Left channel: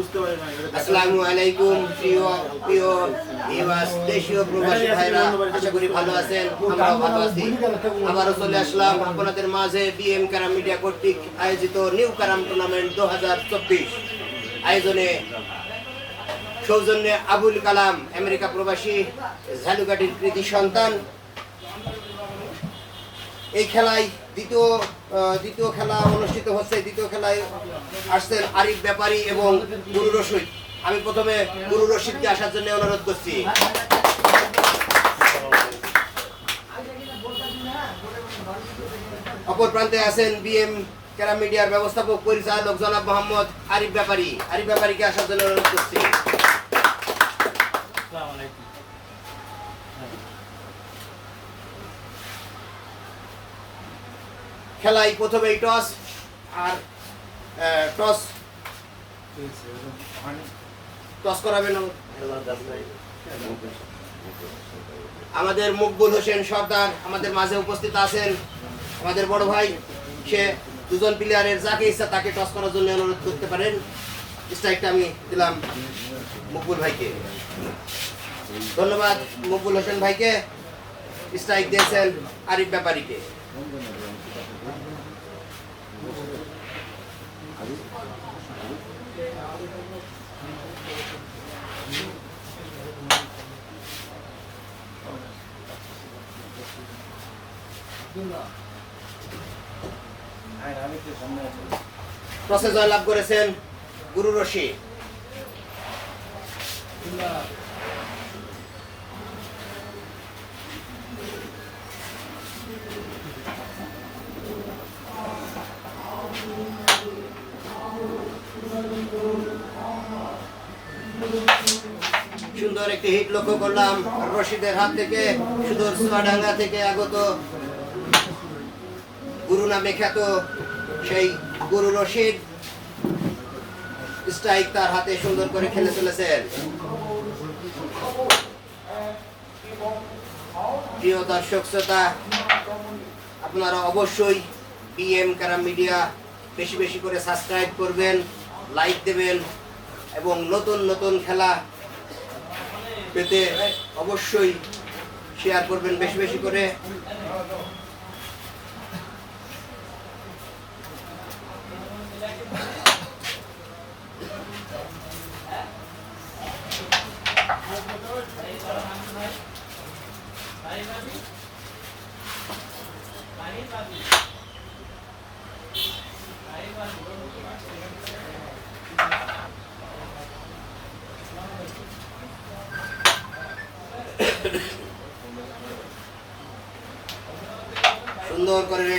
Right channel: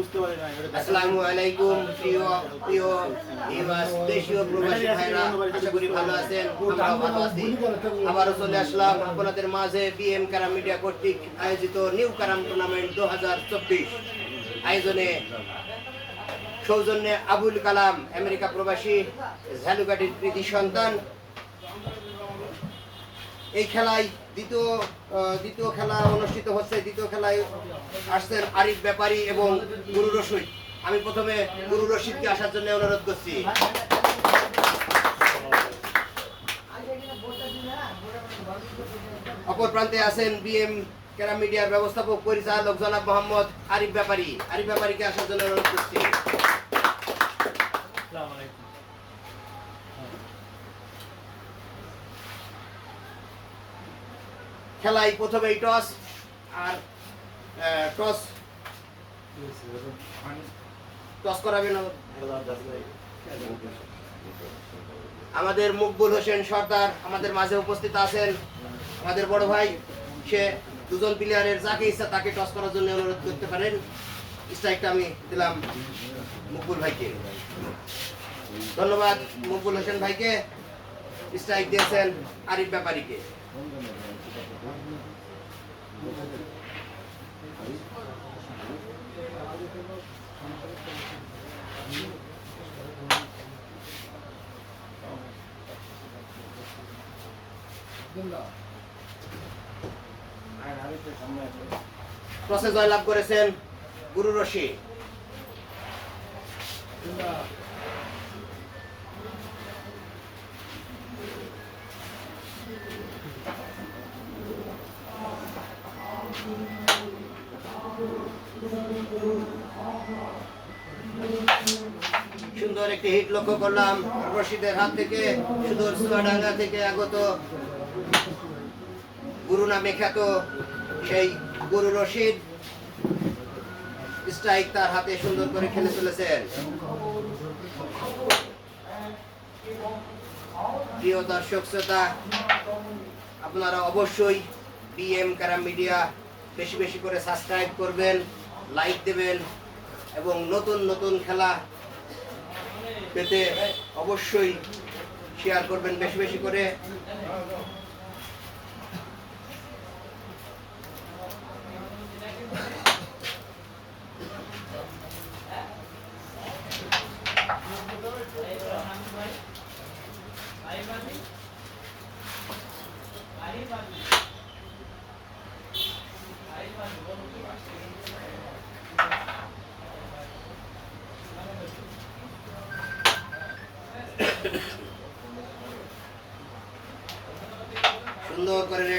আসসালামু আলাইকুম প্রিয় প্রিয় দেশীয় প্রবাসী ভাইরা আশা করি ভালো আছেন আমরাও ভালো আছি। আবারও চলে আসলাম আপনাদের মাঝে বিএম কারাম মিডিয়া কর্তৃক আয়োজিত নিউ কারাম টুর্নামেন্ট দু হাজার চব্বিশ। আয়োজনে সৌজন্যে আবুল কালাম আমেরিকা প্রবাসী ঝালুকাঠির কৃতি সন্তান। এই খেলায় দ্বিতীয় দ্বিতীয় খেলা অনুষ্ঠিত হচ্ছে, দ্বিতীয় খেলায় আসছেন আরিফ ব্যাপারী এবং গুরু রশিদ। আমি প্রথমে গুরু রশিদকে আসার জন্য অনুরোধ করছি। অপর প্রান্তে আছেন বিএম ক্যারাম মিডিয়ার ব্যবস্থাপক, পরিচালক জনাব মোহাম্মদ আরিফ ব্যাপারী। আরিফ ব্যাপারীকে আসার জন্য অনুরোধ করছি। আসসালামু আলাইকুম। খেলায় প্রথমেই টস আর টস। টস করাবেন আমাদের মকবুল হোসেন সর্দার আমাদের মাঝে উপস্থিত আছেন। আমাদের বড় ভাই, সে দুজন প্লেয়ারের যাকে ইচ্ছা তাকে টস করার জন্য অনুরোধ করতে পারেন। স্ট্রাইকটা আমি দিলাম মকবুল ভাইকে। ধন্যবাদ মকবুল হোসেন ভাইকে। স্ট্রাইক দিয়েছেন আরিফ ব্যাপারীকে। টসে জয়লাভ করেছেন গুরু রশি লক্ষ্য করলাম রশিদের হাত থেকে সুদূর চুয়াডাঙ্গা থেকে আগত গুরু নামে খ্যাত সেই গুরু রশিদ স্ট্রাইক তার হাতে সুন্দর করে খেলে চলেছেন। প্রিয় দর্শক শ্রোতা, আপনারা অবশ্যই বিএম কারাম মিডিয়া বেশি বেশি করে সাবস্ক্রাইব করবেন, লাইক দেবেন এবং নতুন নতুন খেলা পেতে অবশ্যই শেয়ার করবেন বেশি বেশি করে।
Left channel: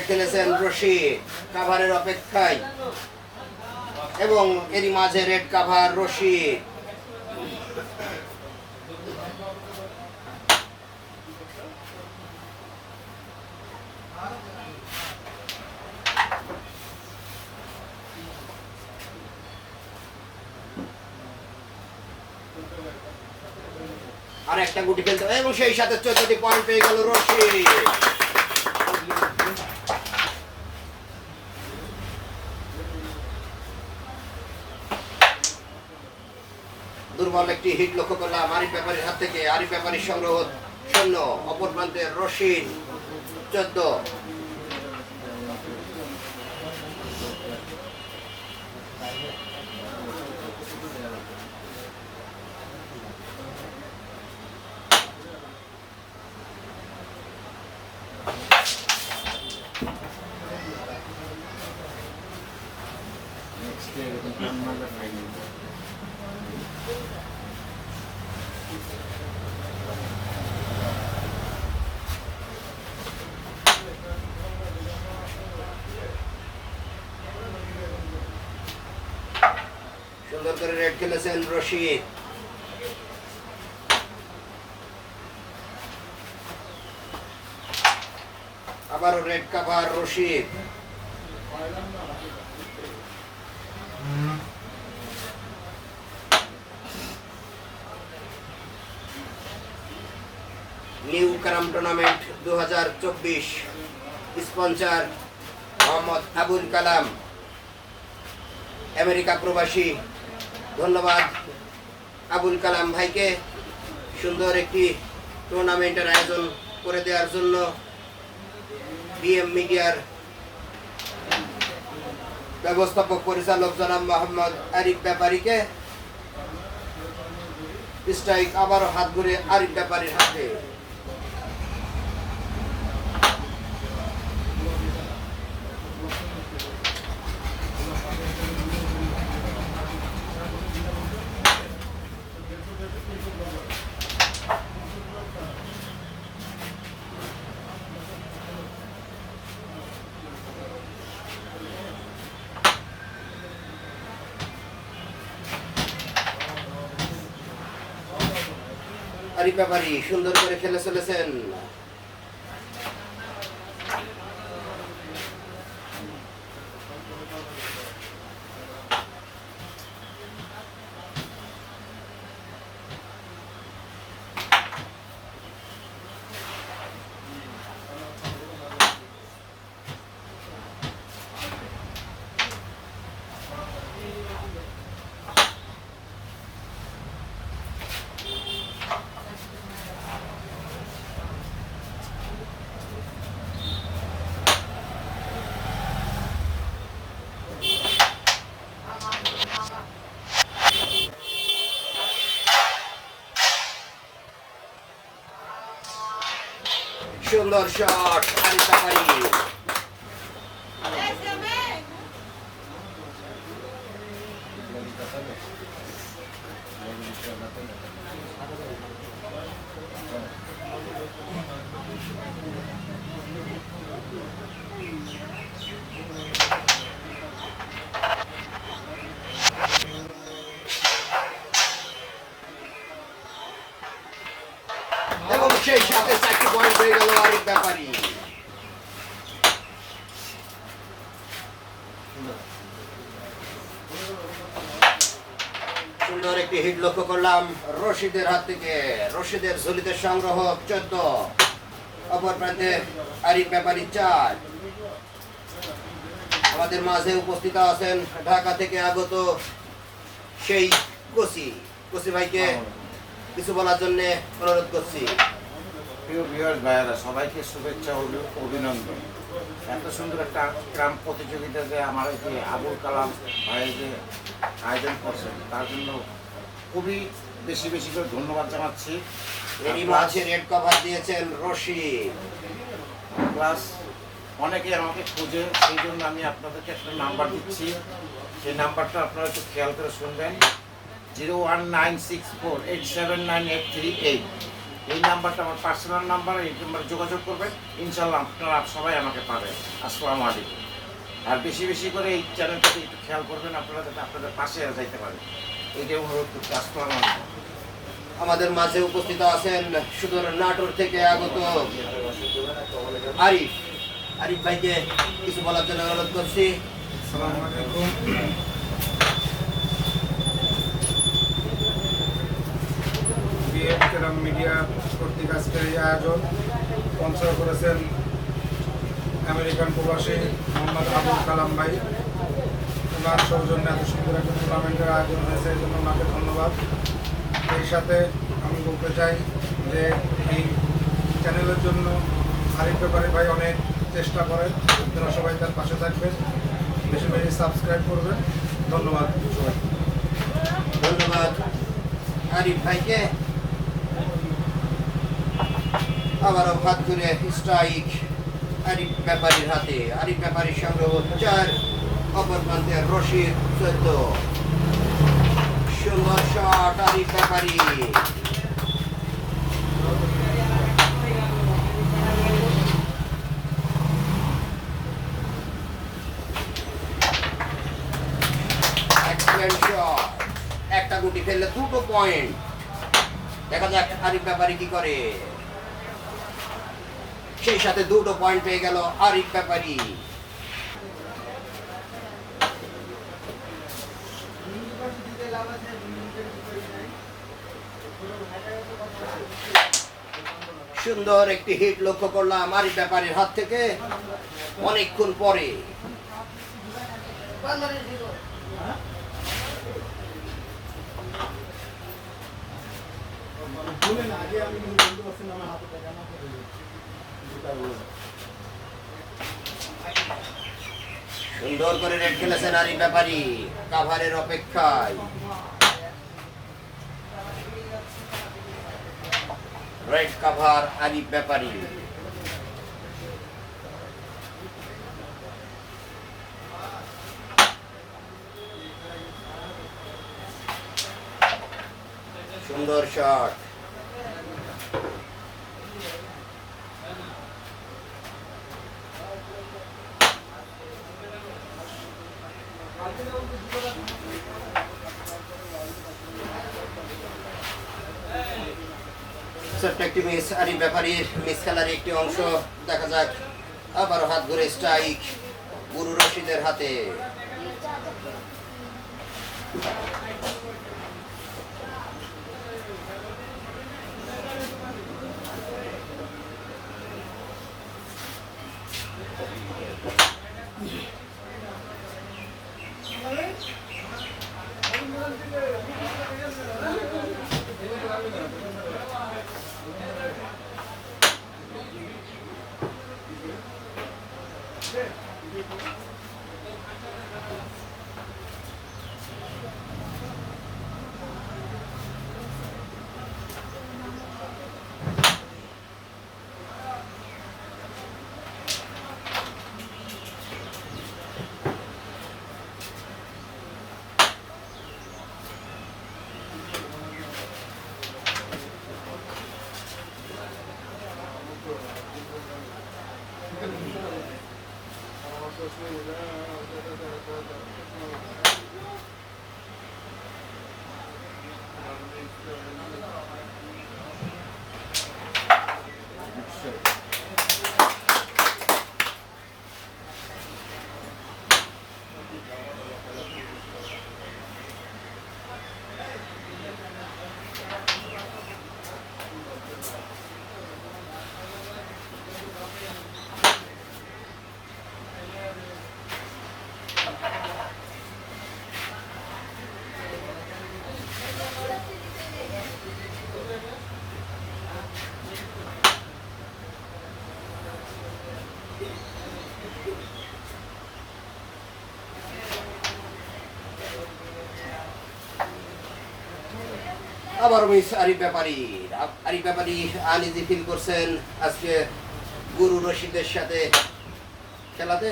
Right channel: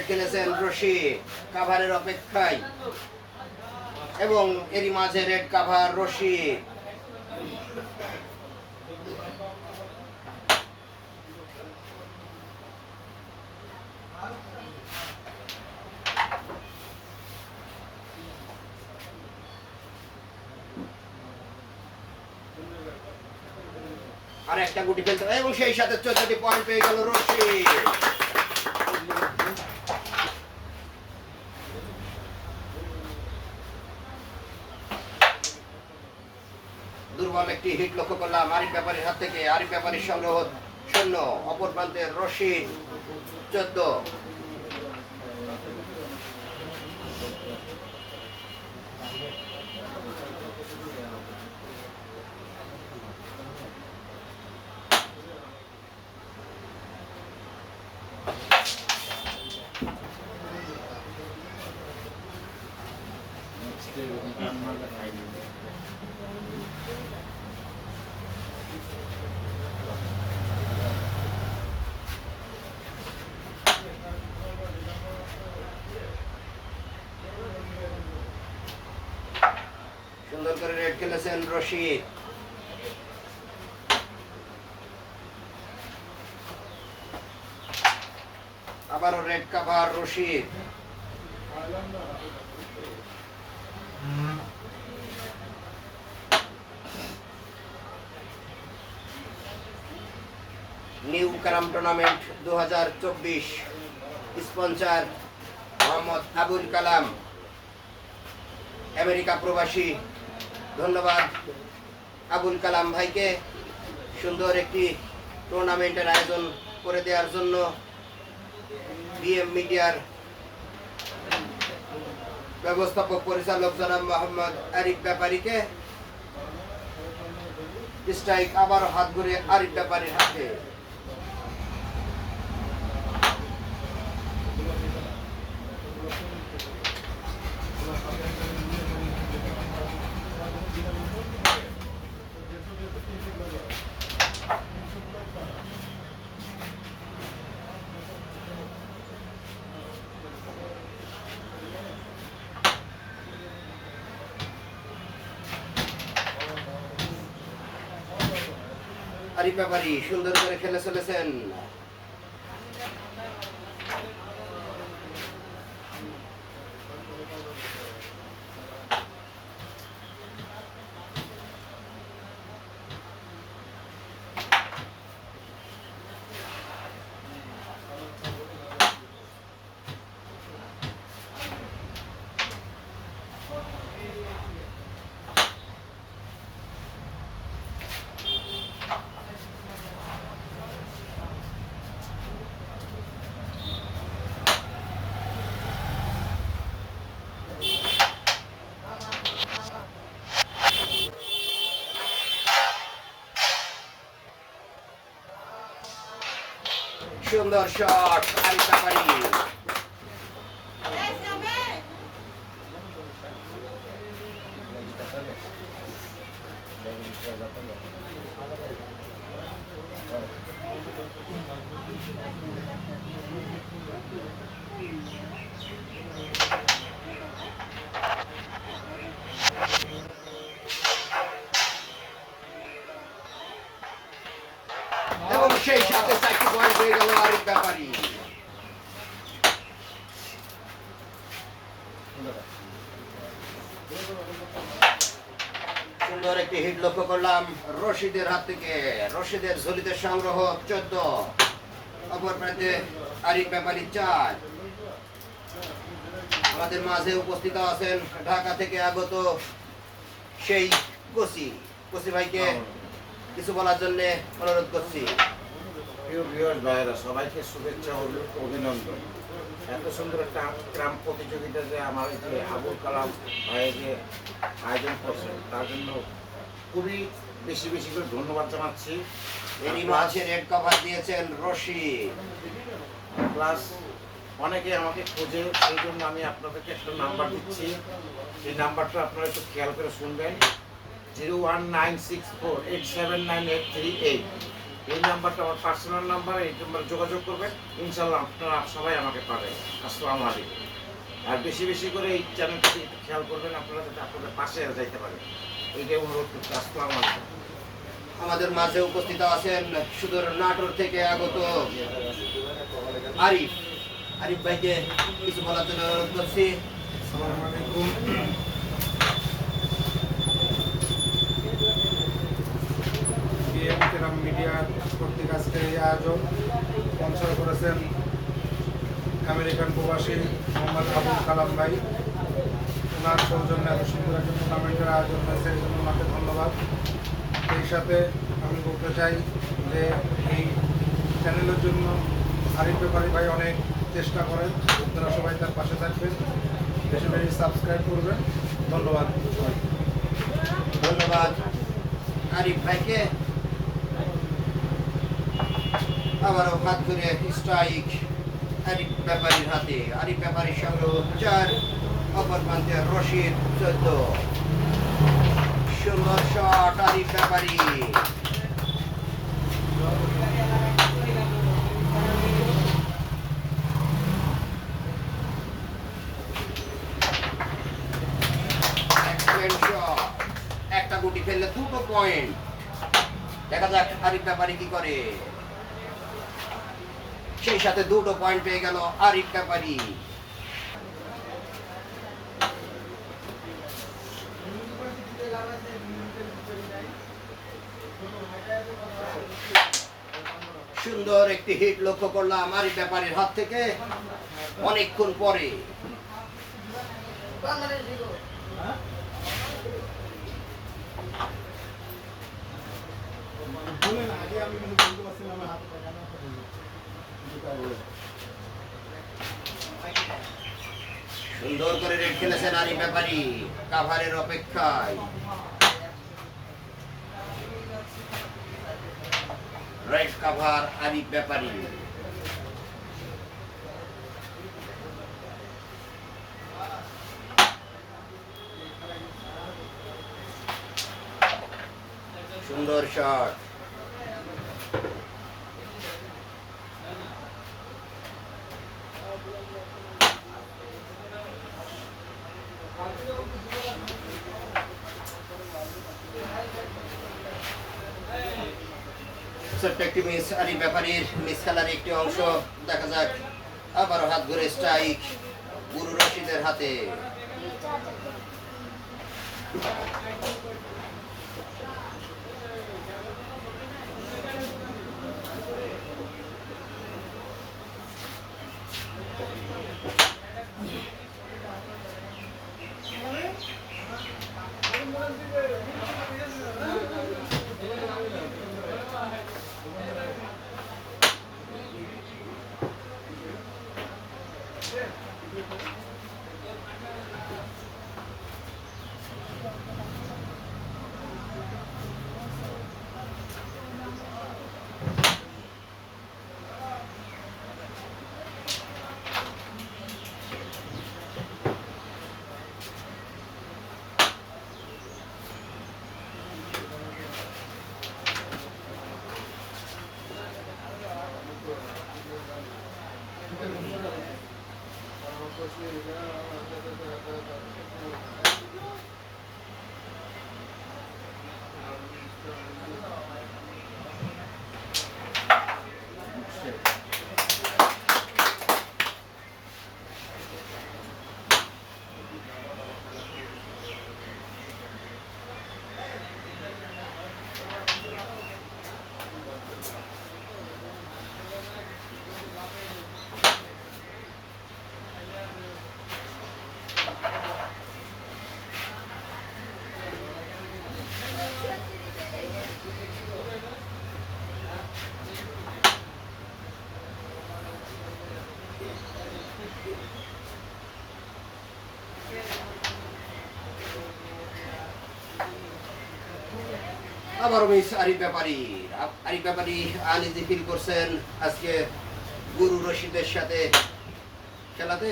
খেলেছেন রশি কাভারের অপেক্ষায়। এবং এরই মাঝে রেড কাভার রশি। আর একটা গুটি ফেলতে এবং সেই সাথে চোদ্দটি পয়েন্ট পেয়ে গেল রশি। দুর্বল একটি হিট লক্ষ্য করলাম আরিফ ব্যাপারীর হাত থেকে আরিফ ব্যাপারীর সংগ্রহ শূন্য, অপর প্রান্তে রশিদ চোদ্দ। সুন্দর করে রেড খেলেছেন রশিদ। আবারও red cover Rashid. New Karam tournament দু হাজার চব্বিশ। স্পন্সার মোহাম্মদ আবুল কালাম। আমেরিকা প্রবাসী। ধন্যবাদ আবুল কালাম ভাইকে সুন্দর একটি টুর্নামেন্টের আয়োজন করে দেওয়ার জন্য বিএম মিডিয়ার ব্যবস্থাপক পরিচালক জনাব মোহাম্মদ আরিফ ব্যাপারীকে স্ট্রাইক আবারও হাত ঘুরে আরিফ ব্যাপারীর হাতে। আরিফ ব্যাপারী সুন্দর করে খেলে চলেছেন। সুন্দর শট আরিতা পারি Thank এবং হয়ে গেল আরিফ ব্যাপারী সুন্দর একটি হিট লক্ষ্য করলাম রশিদের হাত থেকে। রশিদের ঝুলিতে সংগ্রহ চোদ্দ। অপর প্রান্তে আরিফ ব্যাপারী চার। আমাদের মাঝে উপস্থিত আছেন ঢাকা থেকে আগত সেই কসি কসি ভাইকে কিছু বলার জন্য অনুরোধ করছি। প্রিয় ভিউয়ার্স ভাইয়েরা সবাইকে শুভেচ্ছা ও অভিনন্দন। এত সুন্দর একটা ক্রাম প্রতিযোগিতা যে আমার এই যে আবুল কালাম ভাই যে আয়োজন করছেন তার জন্য খুবই বেশি বেশি করে ধন্যবাদ জানাচ্ছি। এরই মাঝে রেড কভার দিয়েছেন রশি প্লাস অনেকে আমাকে খোঁজে সেই জন্য আমি আপনাদেরকে একটা নাম্বার দিচ্ছি। সেই নাম্বারটা আপনারা একটু খেয়াল করে শুনবেন। Zero one nine six four eight seven nine eight three eight. এই নাম্বারটা আমার পার্সোনাল নাম্বার এই নাম্বারে যোগাযোগ করবেন। ইনশাল্লাহ আপনারা সবাই আমাকে পাবেন। আসসালামু আলাইকুম। আর বেশি বেশি করে এই চ্যানেলটাকে একটু খেয়াল করবেন আপনারা যাতে আপনাদের পাশে যাইতে পারেন। এইটাই অনুরোধ করতে আসসালামু আলাইকুম। আমাদের মাঝে উপস্থিত আছেন সুদূর নাটোর থেকে আগত আরিফ। আরিফ ভাইকে কিছু বলার জন্য অনুরোধ করছি। আসসালামু আলাইকুম। কেরাম মিডিয়া কর্তৃক আজকের এই আয়োজন স্পন্সর করেছেন আমেরিকান প্রবাসী মোহাম্মদ আবুল কালাম ভাই। ওনার সৌজন্যে এত সুন্দর একটা টুর্নামেন্টের আয়োজন হয়েছে, এই জন্য ওনাকে ধন্যবাদ। সেই সাথে আমি বলতে চাই যে এই চ্যানেলের জন্য আরিফ ব্যাপারী ভাই অনেক চেষ্টা করেন আপনারা সবাই তার পাশে থাকবেন, বেশি বেশি সাবস্ক্রাইব করবেন। ধন্যবাদ। সবাইকে ধন্যবাদ। আরিফ ভাইকে আবারও হাত ঘুরে স্ট্রাইক আরিফ ব্যাপারীর হাতে। আরিফ ব্যাপারীর সংগ্রহ চার অপর প্রান্তে রশিদ চোদ্দ। সুন্দর শট আরিফ ব্যাপারী. একটা গুটি ফেললে দুটো পয়েন্ট দেখা যাক আরিফ ব্যাপারী কি করে। সেই সাথে দুটো পয়েন্ট পেয়ে গেল আরিক ব্যাপারি। সুন্দর একটি হিট লক্ষ্য করলাম আরিফ ব্যাপারীর হাত থেকে। অনেকক্ষণ পরে। আমি সুন্দর করে রেড খেলেছেন আরিফ ব্যাপারী কাভারের অপেক্ষায়। Red cover Arif Byapari. সুন্দর শট ছোট্ট একটি মিস আরিফ ব্যাপারীর মিস খেলার একটি অংশ, দেখা যাক আবার হাত ঘুরে স্ট্রাইক গুরু রশিদের হাতে। Thank you. আবারও miss Arif Byapari. Arif Byapari uneasy feel করছেন আজকে গুরু রশিদের সাথে খেলাতে।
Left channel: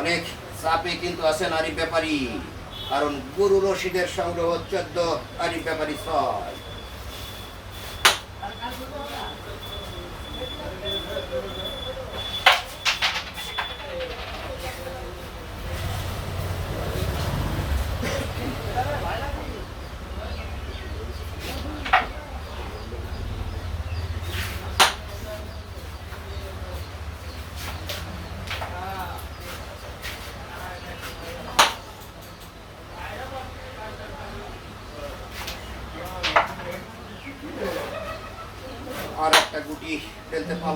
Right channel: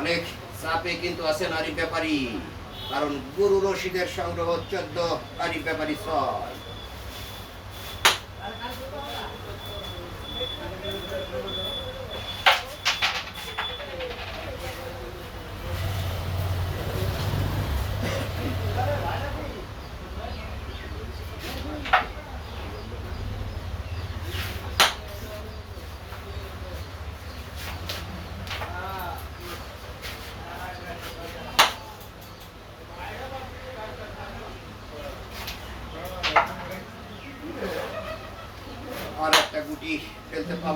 অনেক চাপে কিন্তু আছেন আরিফ ব্যাপারী, কারণ গুরু রশিদের সংগ্রহ চোদ্দ, আরিফ ব্যাপারী ছয়।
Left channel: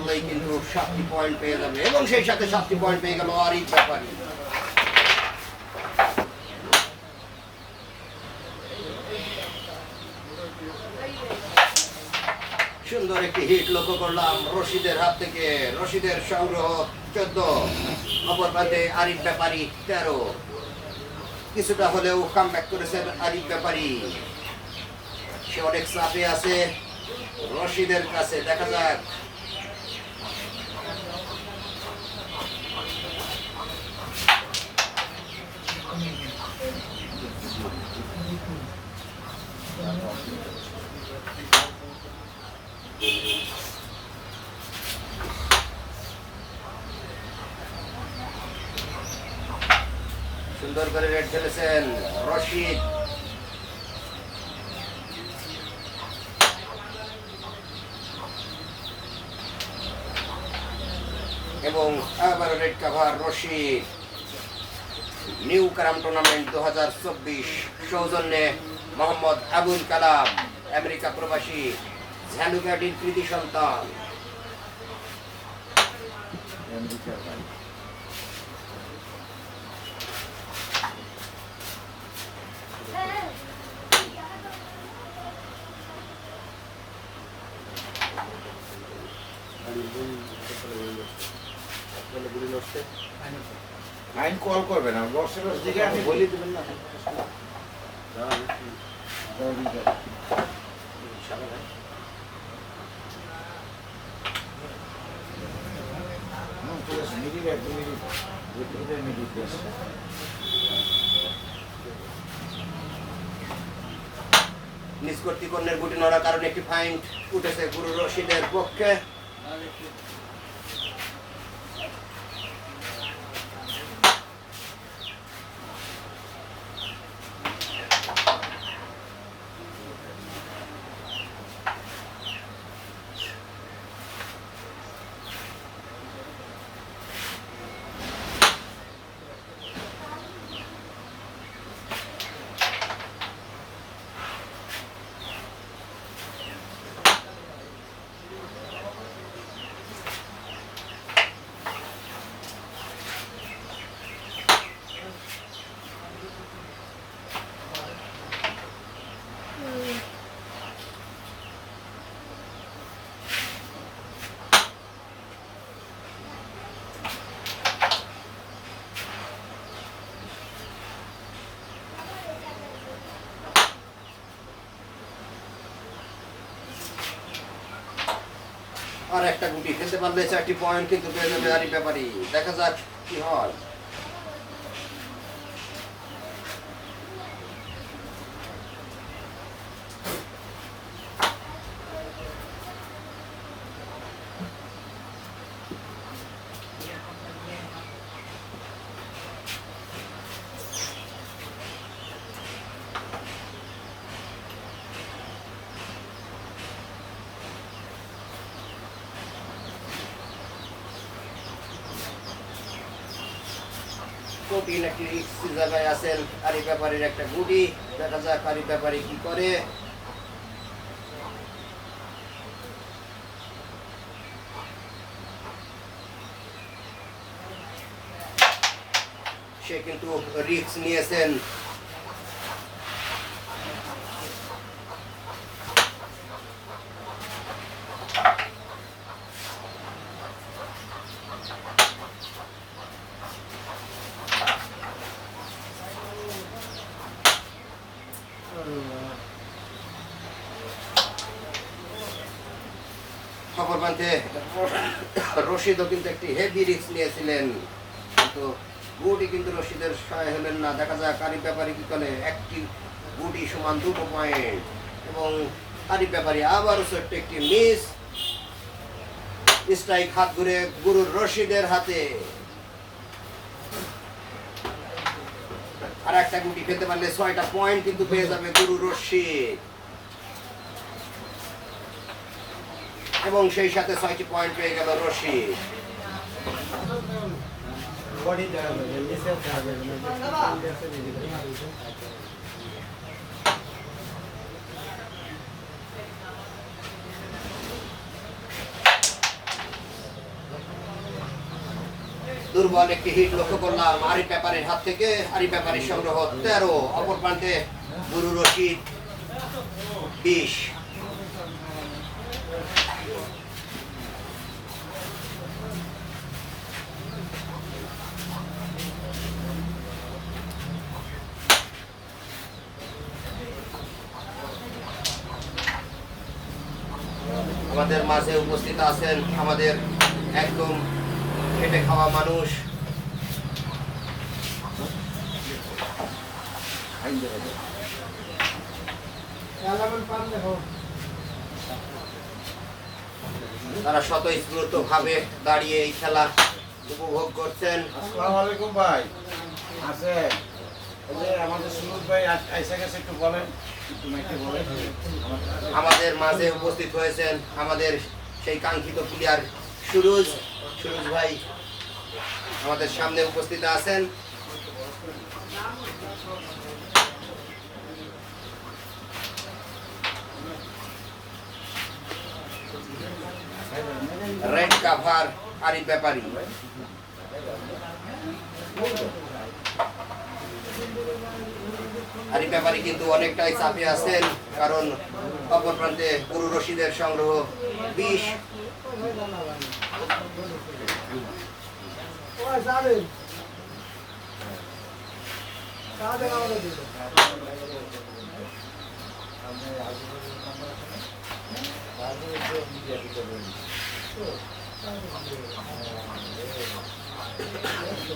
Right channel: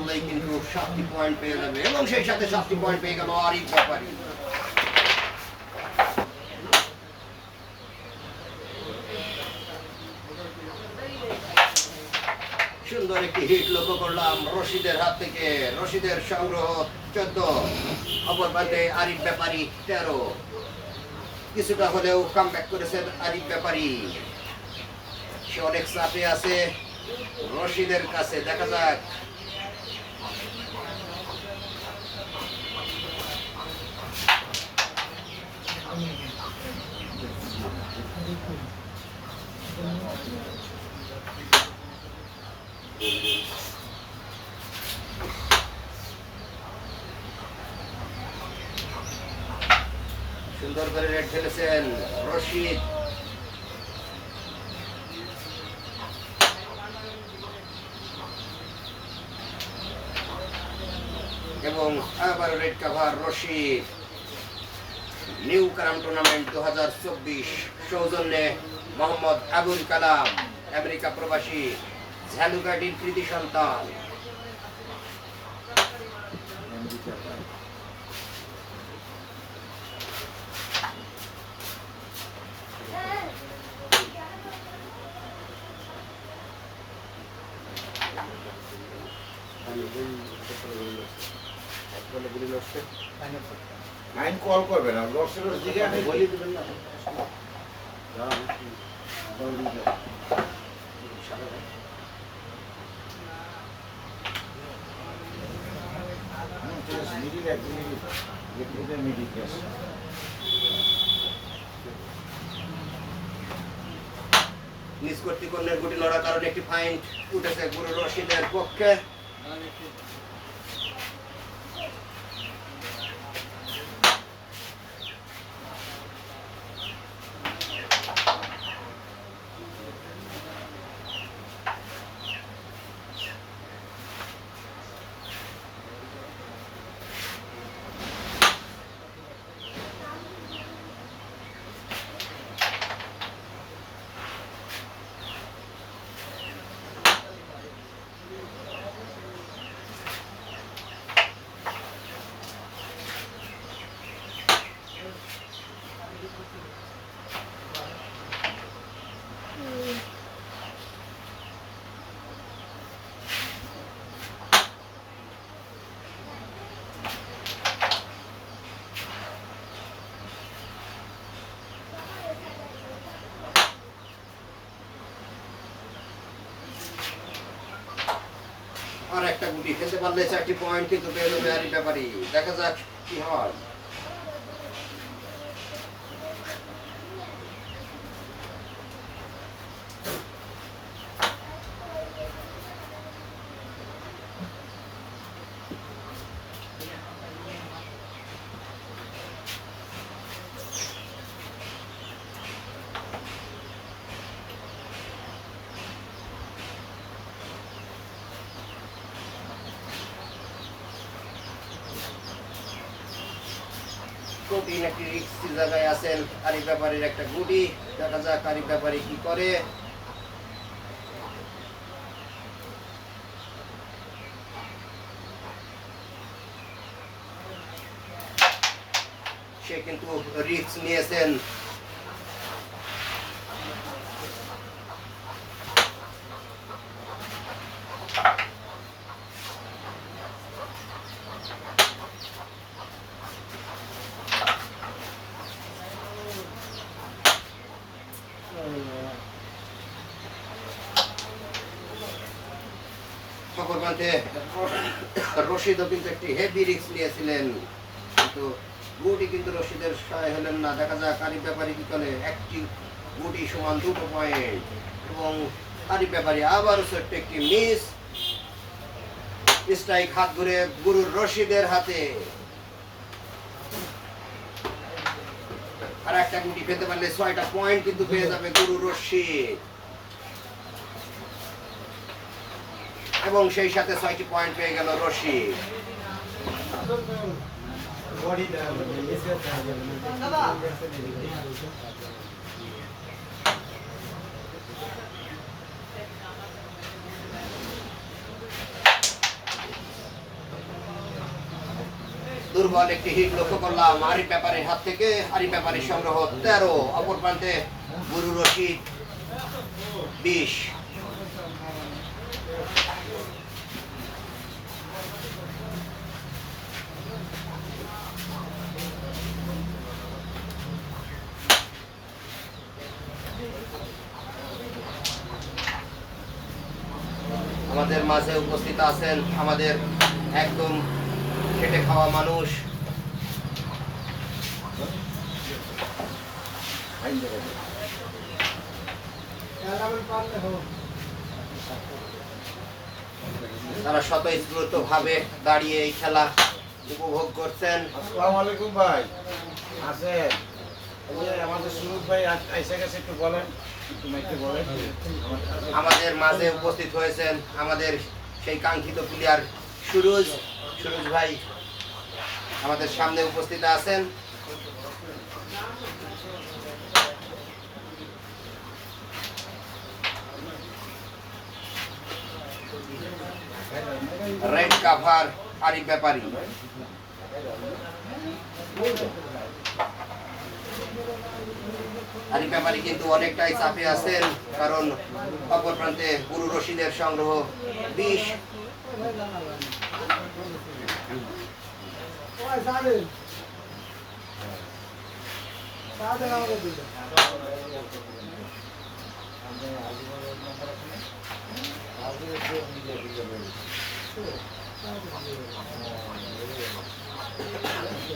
পারলেই কিন্তু পয়েন্ট পেয়ে যাবে। এবং সেই সাথে পয়েন্ট পেয়ে গেল সুন্দর একটি হিট লক্ষ্য করলাম রশিদের হাত থেকে। রশিদের সংগ্রহ চোদ্দ। অপর প্রান্তে আরিফ ব্যাপারী তেরো। কিছুটা হলেও কাম ব্যাক করেছেন আরিফ ব্যাপারী। সে অনেক চাপে আছে। রশিদের কাছে দেখা যাক। সুন্দর করে রেড খেলেছেন রশিদ। এবং আবার red cover Rashid. New carrom tournament দু হাজার চব্বিশ সৌজন্যে মোহাম্মদ আবুল কালাম আমেরিকা প্রবাসী ঝ্যালুঘাটির কৃতি সন্তান। আইন কল করবে না বক্সের দিকে আমি বলি দেবেন না। নিজ কর্তৃপক্ষের গুটি নড়ার কারণে একটি ফাইন উঠেছে গুরু রশিদের পক্ষে। একটা গুটি খেলতে পারলে চারটি পয়েন্ট কিন্তু পেয়ে যাবে আরিফ ব্যাপারী দেখা যাক কি হয়। কঠিন একটি রিক্সি জায়গায় আছেন? আরিফ ব্যাপারীর একটা গুটি। দেখা যাক আরিফ ব্যাপারী কি করে। সে কিন্তু রিক্স নিয়েছেন। খবর রশিদও কিন্তু একটি হেভি রিক্স নিয়েছিলেন। কিন্তু গুটি কিন্তু রশিদের সহায় হলেন না। দেখা যাক আরিফ ব্যাপারী কি করে। একটি গুটি সমান দুটো পয়েন্ট এবং আরিফ ব্যাপারী আবারও ছোট্ট একটি মিস স্ট্রাইক হাত ঘুরে গুরুর রশিদের হাতে। আর একটা গুটি খেতে পারলে ছয়টা পয়েন্ট কিন্তু পেয়ে যাবে গুরু রশিদ। এবং সেই সাথে ছয়টি পয়েন্ট পেয়ে গেল রশিদ। দুর্বল একটি হিট লক্ষ্য করলাম। আরি পেপারের হাত থেকে আরি পেপারের সংগ্রহ তেরো। অপর প্রান্তে গুরু রশিদ বিশ আমাদের মাঝে উপস্থিত আছেন আমাদের একদম খেটে খাওয়া মানুষ। তারা স্বতঃস্ফূর্ত ভাবে দাঁড়িয়ে এই খেলা উপভোগ করছেন। আসসালামু ভাই। আছে আমাদের সুরজ ভাই এসে গেছে, একটু বলেন। আমাদের- মাঝে উপস্থিত হয়েছেন আমাদের সেই কাঙ্ক্ষিত প্লেয়ার সুরজ। সুরজ ভাই আমাদের সামনে উপস্থিত আছেন। Red cover Arif Byapari. Arif Byapari কিন্তু অনেকটাই চাপে আছেন কারণ অপর প্রান্তে গুরু রশিদের সংগ্রহ বিশ।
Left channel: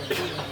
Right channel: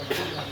সুন্দর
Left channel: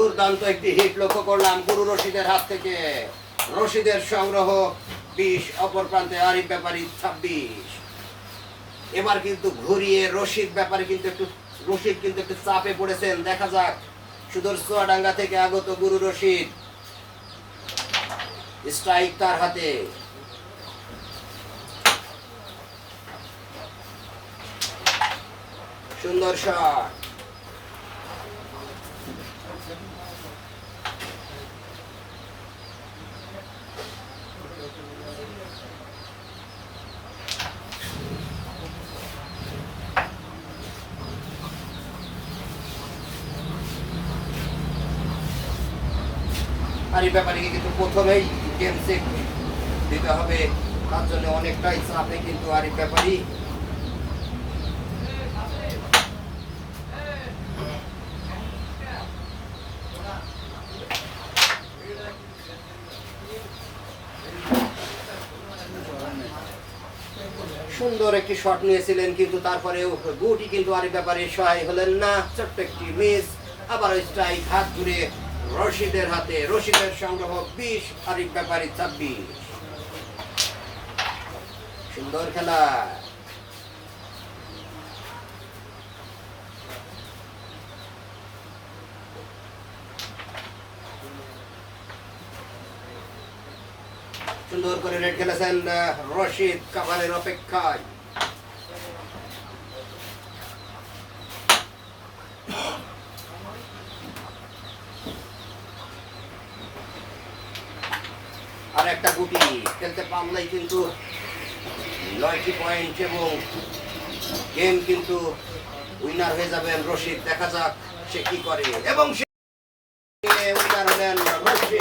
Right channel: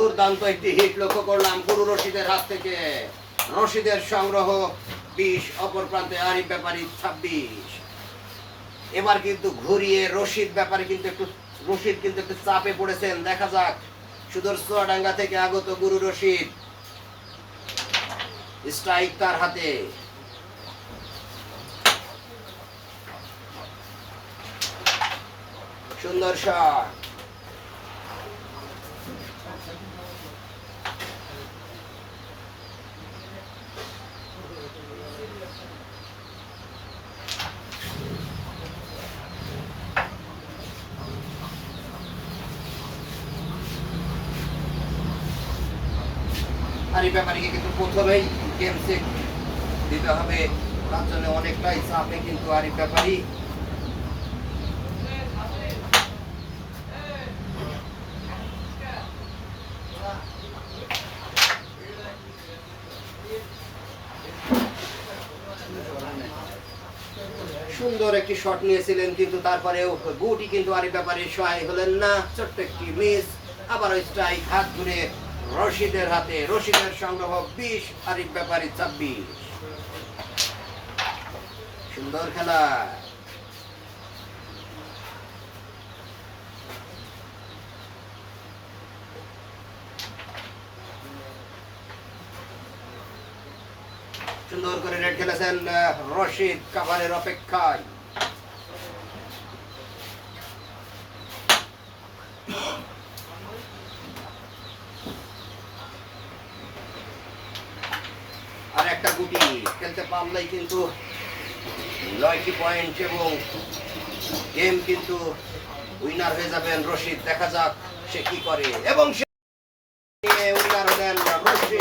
দুর্দান্ত একটি হিট লক্ষ্য করলাম গুরু রশিদের হাত থেকে। রশিদের সংগ্রহ বিশ, অপর প্রান্তে আরিফ ব্যাপারী ছাব্বিশ। এবার কিন্তু ঘুরিয়ে রশিদ ব্যাপারে কিন্তু একটু, রশিদ কিন্তু একটু চাপে পড়েছেন। দেখা যাক, সুদূর থেকে আগত গুরু রশিদ স্ট্রাইক তার হাতে। সুন্দর শট আর এই ব্যাপারে কিন্তু প্রথমেই গেম চেক দিতে হবে। তার জন্য অনেকটাই চাপে কিন্তু আর এই ব্যাপারই সুন্দর একটি শট নিয়েছিলেন কিন্তু তারপরে গুটি কিন্তু আর এই ব্যাপারে সহায় হলেন না। ছোট্ট একটি মিস আবার স্ট্রাইক হাত ঘুরে রশিদের হাতে, রশিদের সংগ্রহ বিশ আরিফ ব্যাপারী ছাব্বিশ। সুন্দর খেলা। সুন্দর করে রেড খেলেছেন রশিদ কাভারের অপেক্ষায় আর একটা গুটি খেলতে কিন্তু নয়টি পয়েন্ট এবং গেম কিন্তু উইনার হয়ে যাবেন রশিদ দেখা যাক সে কি করে এবং সে উইনার হলেন রশিদ